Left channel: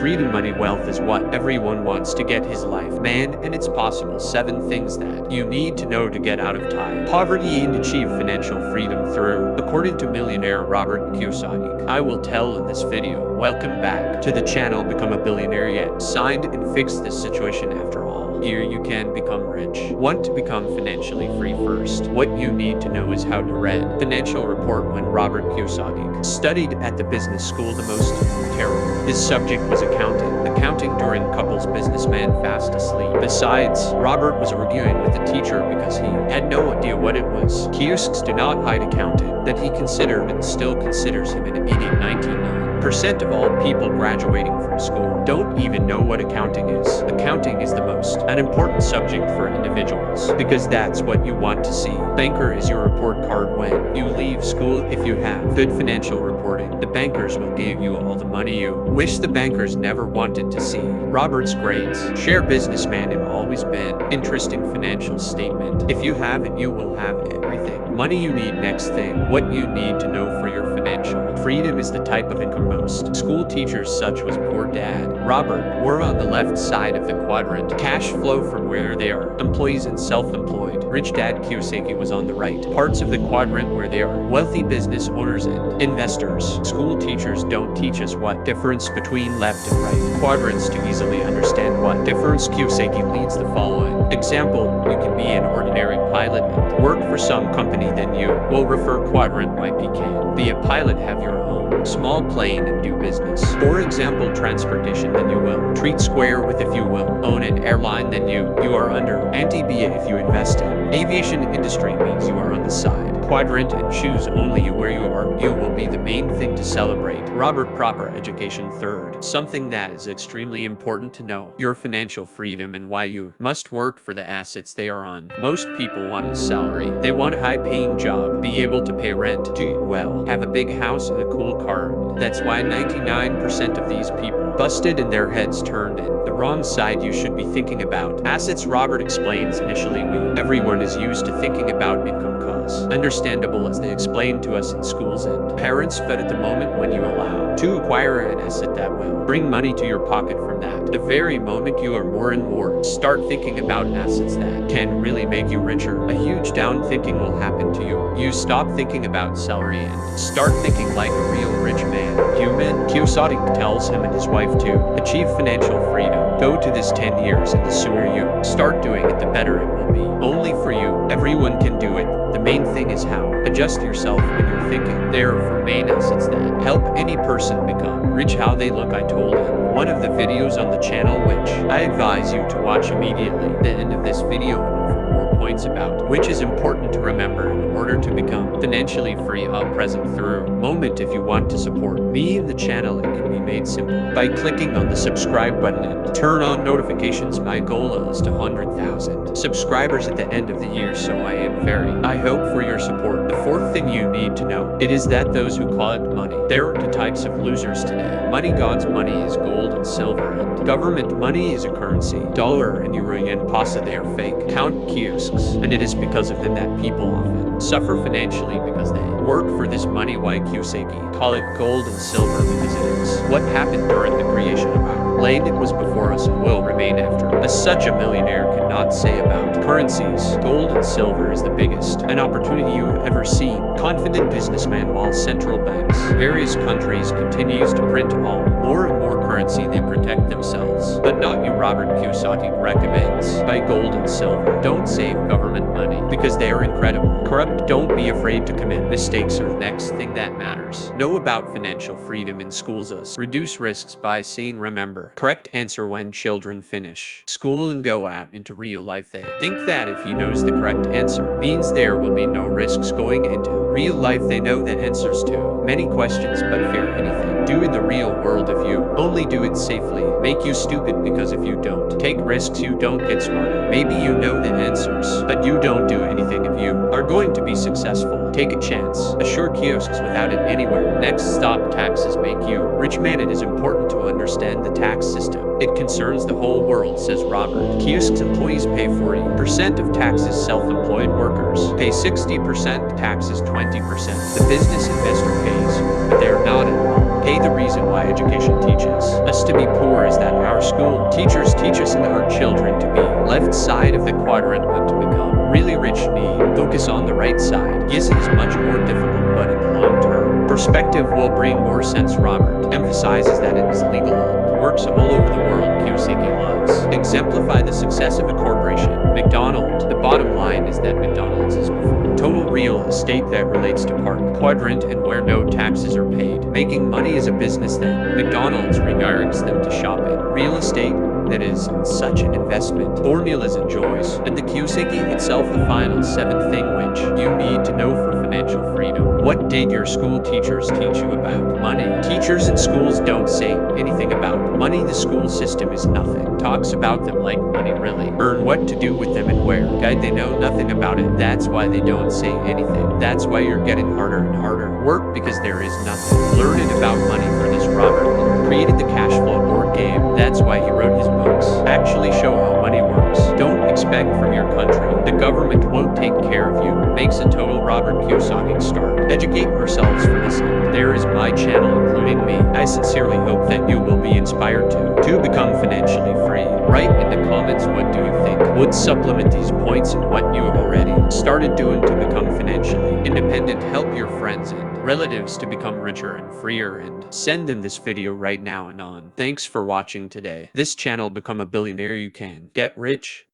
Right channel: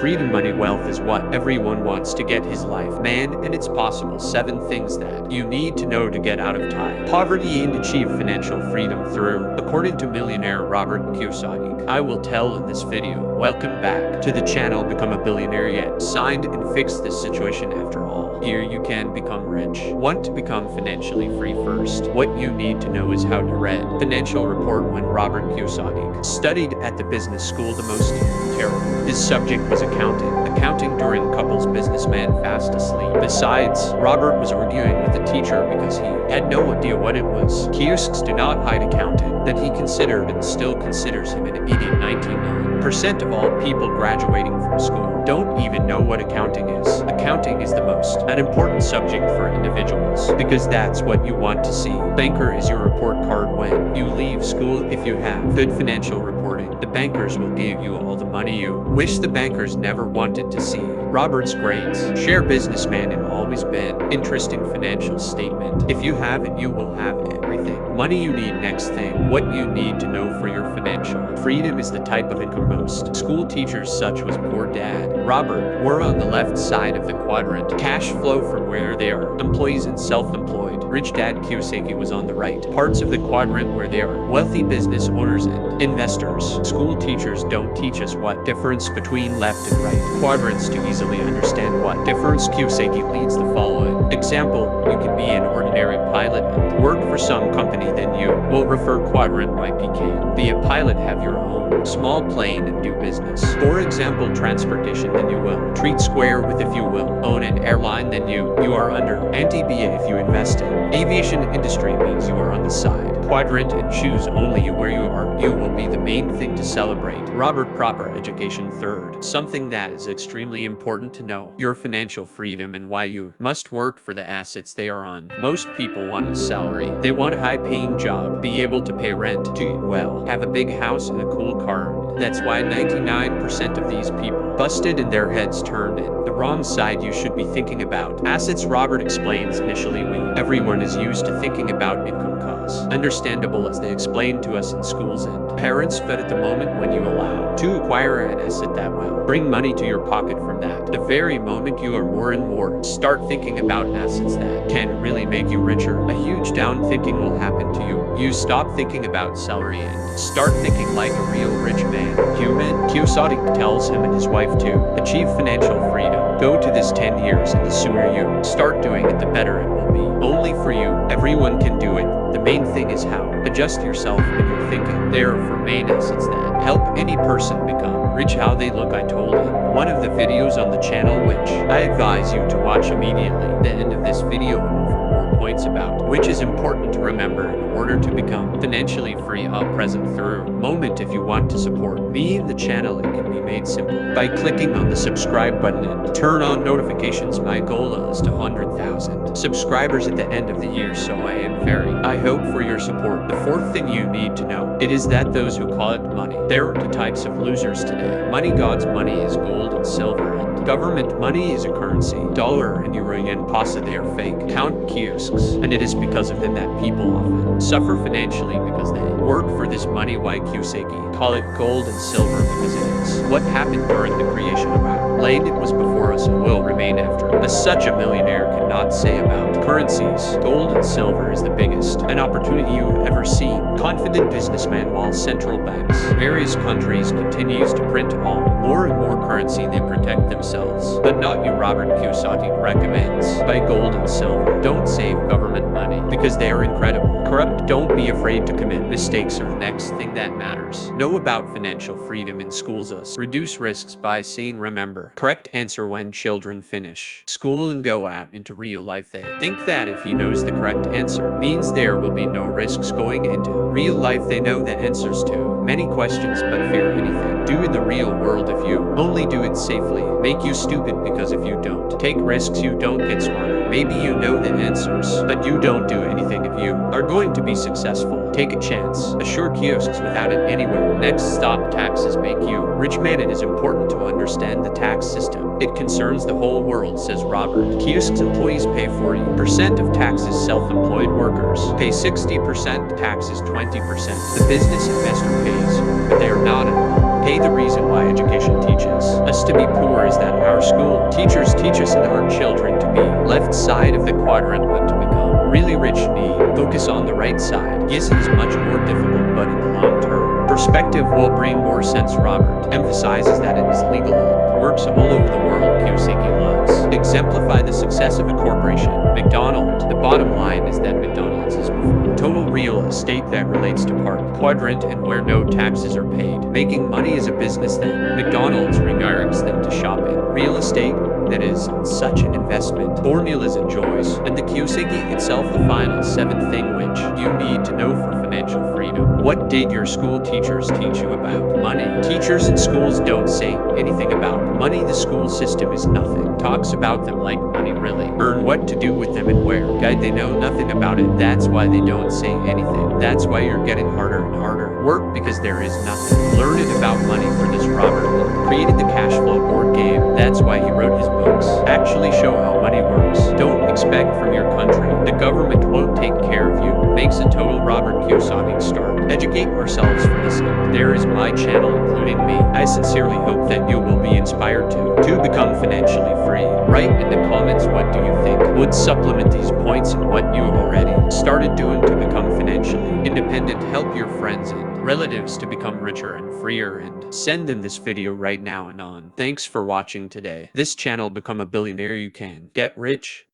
Freedom, money, wealth is what everyone wants to get his life, man, and it's possible. 7 things that you need to know to get out of time, poverty and achieve financial freedom through, according to millionaire Robert Kiyosaki. I will tell in this video. Welcome back to the channel. Become a billionaire yet. Signed and fix this situation after all. Here you can become rich. Want to become financially free first? What you need to know is how to read financial report. When Robert Kiyosaki studied at the business school, the most terrible. His subject was accounting. Accounting during couple's businessman fast asleep. Besides, Robert was arguing with the teacher because he had no idea what it was. Kiosks do not hide accounting, that he considered and still considers him an idiot. 99% of all people graduating from school don't even know what accounting is. Accounting is the most unimportant subject for individuals because that's what you want to see. Banker is your report card when you leave school. If you have good financial reporting, the bankers will give you all the money you wish the bankers never wanted to see. Robert's grades. Share businessman have always been interesting financial statement. If you have it, you will have everything. Money you need. Next thing, what you need to know for your financial freedom is the type of income most school teachers such as poor dad Robert were on the left side of the quadrant. Cash flow from where they are employees and self-employed. Rich dad Kiyosaki was on the right parts of the quadrant where they are wealthy business owners and investors. School teachers don't teach us what difference between left and right quadrants to easily understand what difference. Kiyosaki leads the following example. You can be an ordinary pilot and work for some company, then you will refer quadrant YP. Be a pilot, have your own small plane and do business. For example, transportation, then you will treat square with. If you will own an airline, then you are under anti-BA. If you invest in aviation industry, means you are on the side quadrant and choose only where you are. You will be the main thing to celebrate. Robert, proper education. Third, something that is extremely important to know, your financial freedom and why you must work for the assets they are on. Most people want a salary. They want a high-paying job, be able to pay rent, do well, have a big house and a cool car. That's why 99% of these people busted and their heads turned in the wrong side. You should be thinking about assets. Robert explains initially everyone is used to thinking about income cause. Understandable as they explain to us in schools and parents, but at the moment when you allow to acquire an asset that will bring money to your pocket from that, the very moment you are more and more start thinking about assets that can really make you richer, a huge down thinking will happen to you. You stop thinking about salary and start thinking like a real rich man. Human. Kiyosaki tells him and his wife to achieve financial freedom. Go to this 10 years, and the sooner you start doing it, the better it will be. Only for you. Everyone can do it. The main thing is how. Adjust yourself in your thinking. There are main assets that help any person become rich. How they look, I told in one of the videos on the channel, which I advise you to watch immediately. The end of this video and for more points about which is important to remember in order to become financially free. Present through moment. If you want to support me and the channel, it can be made simple by clicking on the subscribe button and turn on notifications. My goal is to 100,000 subscribers at the end of the year, so I hope for your support. The fourth thing you need to know, it is that those who call it money, there are two types of losers today. Money. God's money is gold and silver, and government money is a currency. Dollar and euro and pasta, they are fake. Count kiosks, and it is because of them that people often suffer financially because they work for this money. Why Kiyosaki call it gold and silver? Because it is what happened during the creation of our land. It was before us and will remain after. As such, a millionaire cannot say about currencies. Gold and silver is the biggest an opportunity you have ever seen. Confident businessman. While central banks, various countries continues to print more and more currency, they protect themselves, but not you. Robert Kiyosaki recommends buy gold and silver. Don't save government money because they are incredible corrupt. Don't be afraid to commit mistakes or the next thing that matters. Know about financial freedom in schools. Us reduce risks by saying remember correct answer when children finish school and go out into real life. They think that if he knows the correct answer means there will be no risks going into real life. They know the answers to many questions but fear anything do in the real world. If you only do it safely, make you stupid, because if you don't take risks, you don't get smarter. Maybe you know the answers, but you don't do anything. If you are going to be successful, Take a chance. Assure kiosks without it anywhere. Next stop, taxes make you rich man. It is important to understand the tax system. It concerns the whole world, says Robert. Kiosks employees pay 40% of taxes. Self-employed workers pay 60%. Taxes 20%. The business investor pays, but they are not at all. Pay. The reason why education teaches us to be poor is that our school teachers teach us and our children to be left side of the quadrant, but to become really rich need focus on the right side. Yes, it is much more difficult, but in the long term perspective will bring more sense. Robert emphasizes that it is legal and works all over the world. Kiyosaki loves exemplify the success of a corporation. McDonald's. The bottom line is that McDonald's is before total real estate that relates to park quadrant and where no taxes are paid. Making money is a business, then McDonald's regards them to shopping. Real estate that is such an investment. Formulas enjoys, and the Kiyosaki itself the final seventh thing which you need to know for financial freedom. What did your school teachers teach you about money? Teachers in schools don't say anything about money. The school system is nothing. Talks about them like money really. Earn what to do with them and where. Guide, they know nothing about it. That's why they don't say anything. That's why you're getting harder and harder. Work because there is nothing. Learn it about money. For this, Robert created the cash flow board game. That's why he wrote his books. Actually show how money works. Don't expect from your country. The government won't take care of you. Makes a total Robert Kiyosaki start. Educate ourselves for this. There is my channel, including me. I sincerely hope that you will be inspired to become financially free. Write in the comments what do you think would supplement these points and what you already started doing to become financially independent. Help your friends and relatives to become richer and freer, and send them this video right now and on. Thanks for watching today. This channel, become a billionaire. You can get rich.